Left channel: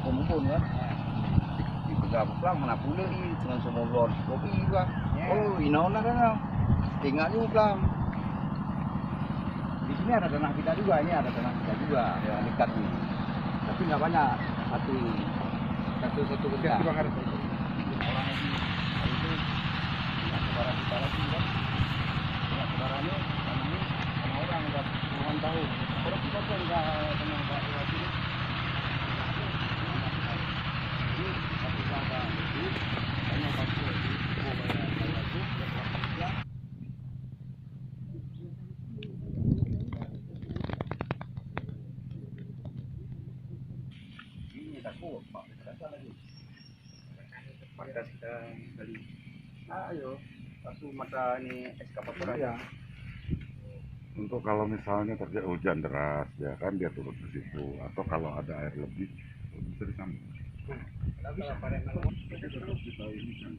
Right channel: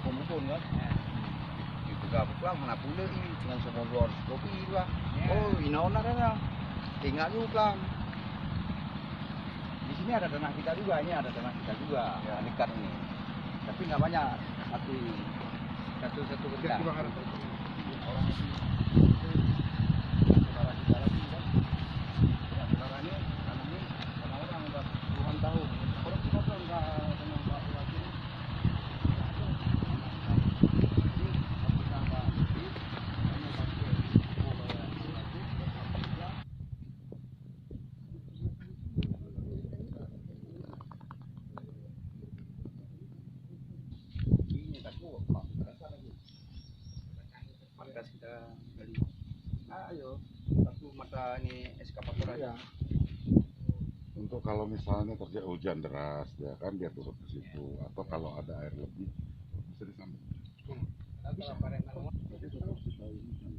kumpul kan. Itu gak pulang mana pula ini dengan semua luar kopi juga. Oh, inaona kan. Tinggal juga. Di sini ada tanah kita juga, ini ada tanah kita juga, ya. Dekat ini. Tapi nggak banyak, satu bentar. Orang itu saudara kita lagi kan, saudaranya tanahnya sama orang udah puluhan tahun. Orang kita tuh nggak sama Pak Bupati ini. Ini satu kata itu hanya pakai mau bayar itu berapa bulan? Ini takut Pak, terasa lagi. Pantas kita kali. Ayo, satu mata ini eskavator aja. Untuk kalau misalnya terjadi hujan deras, ya kan dia turun ke situ. Atau kalau ada air lebih, bisa disambung. Bisa. Tapi tetap kita ini kan.